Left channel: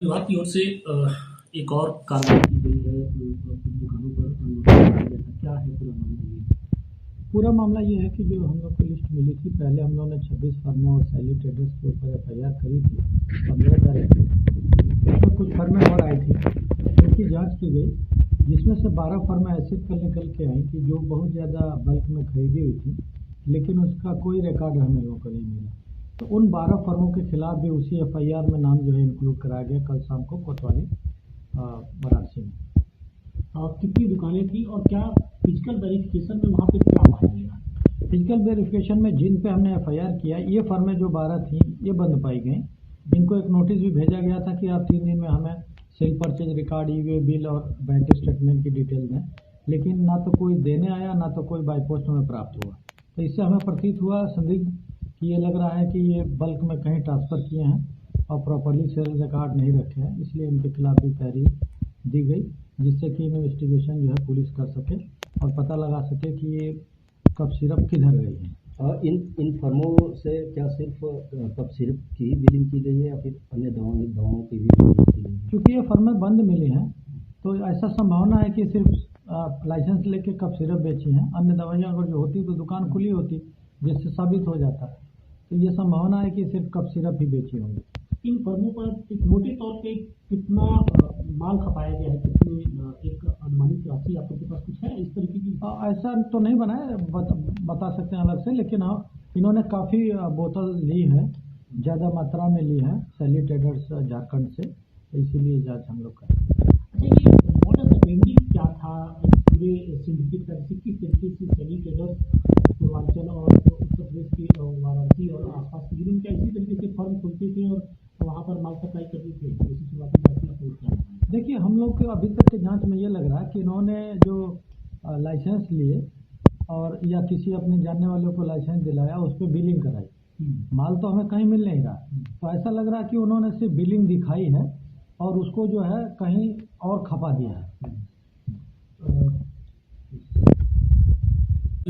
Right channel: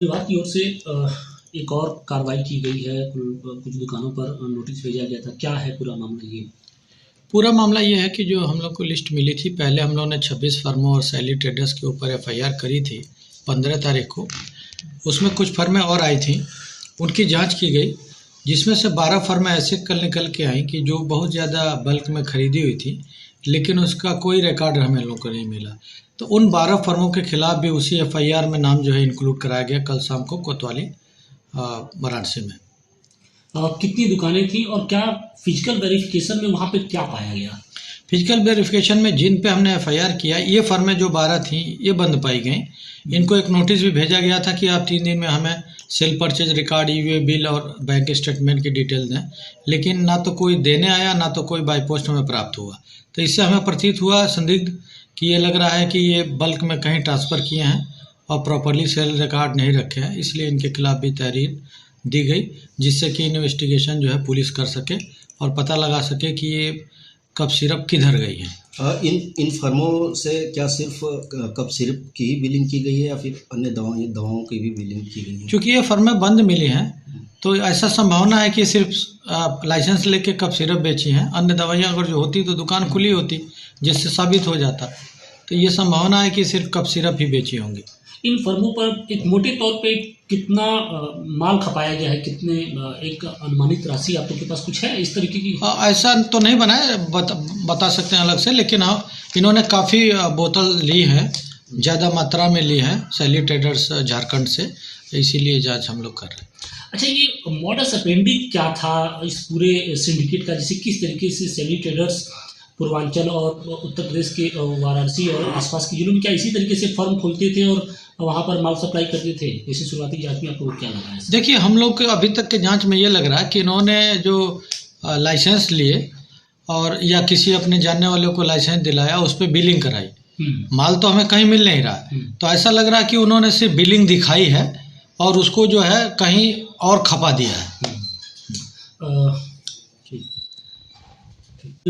विभाग की ओर से एक और कार्रवाई की गई है। कुछ दुकानों पर नोटिस भेजा गया था। क्या है पूरा मामला ये? पूरा मामला ये है कि जो हम लोग को लिस्ट मिली थी, पहले हम लोगों ने 26 फर्मों और सैली ट्रेडर्स के ऊपर एफआईआर करी थी 15 तारीख को। उसमें कुछ फर्में और आई थी, उनकी जांच की गई, जिसमें से 12 फर्में ऐसे कल निकल के आई कि जो बहुत ज़्यादा बल्क में खरीदी हुई थी, लेकिन उसका कोई रिकॉर्ड हमें लोगों को नहीं मिला। तो उन 12 फर्मों के खिलाफ भी उसी एफआईआर में नाम जो है इंक्लूड कराया गया कल शाम को कोतवाली वाराणसी में। कितनी दुकानें थी और क्या फिजिकल वेरिफिकेशन में वहाँ पे क्या पाया गया? फिजिकल वेरिफिकेशन में जिन पे हमने एफआईआर किया, ये फर्में जो 12 थी ये बंद पाई गई। इनको एक नोटिस भी भेजा गया था कि आप 3 दिन में हमें सेल परचेज रिकॉर्ड, ई वे बिल और बैंक स्टेटमेंट की डिटेल दें, लेकिन ना तो कोई देने आया, ना तो कोई बाई पोस्ट हमें प्राप्त हुआ। तो इससे हमें प्रतीत हुआ संदिग्ध कि ये लग रहा है कि ये बल्क में कहीं ट्रांसफ़र किए हैं और प्रॉपरली सेल रिकॉर्ड नहीं रखे हैं, इसलिए इनके खिलाफ भी तहरीर दी गई, जिससे कि इन्वेस्टिगेशन जो है पुलिस कर सके और पता लगा सके कि ये कप सिरप किधर गई है। इन फर्मों से क्या सिर्फ कप सिरप की ही बिलिंग की गई है या फिर अन्य दवाओं की भी बिलिंग की गई है? क्योंकि ये फर्में बंद मिली हैं, तो ऐसा संभावना है कि सिर्फ लाइसेंस लेके कप सिरप बेची हैं। अन्य दवाइयाँ अगर जो होती तो दुकान खुली होती, जिससे साबित हो जाता। तो ये संभावना है कि सिर्फ कप सिरप ही बेची होंगी। इन फर्मों पर एक मोटे तौर पे कितना माल खपाया गया है? कितने एक अनुमानित राशि आप लोग के पास कुछ है इस तरीके की? ऐसा तो नहीं बना है, बता सकते हैं अलग से, लेकिन हाँ, इन्होंने काफ़ी बोतल ली है, ज़्यादा मात्रा में ली है सैली ट्रेडर्स झारखंड से, इसीलिए जांच हम लोग कर रहे हैं। अच्छा, ये मॉडस ऑपरेंडी क्या था इस पूरे सिंडिकेट का? जैसे किस तरीके से सैली ट्रेडर्स पूर्वांचल और उत्तर प्रदेश के वाराणसी और आसपास के जिलों में क्या इसी तरीके से फर्म खोलते थे और वहाँ पर माल सप्लाई करते थे? जैसे शुरुआती जांच में आपको क्या लगा है? देखिए, हम लोग के अभी तक के जांच में ये लग रहा है कि इन्होंने जो लाइसेंस लिए और या किसी अपने जानने वाले को लाइसेंस दिलाया, उस पर बिलिंग कराई। माल तो हमें कहीं मिल नहीं रहा, तो ऐसा लग रहा है कि उन्होंने सिर्फ बिलिंग दिखाई है और उसको जो है कहीं और खपा दिया है। ठीक।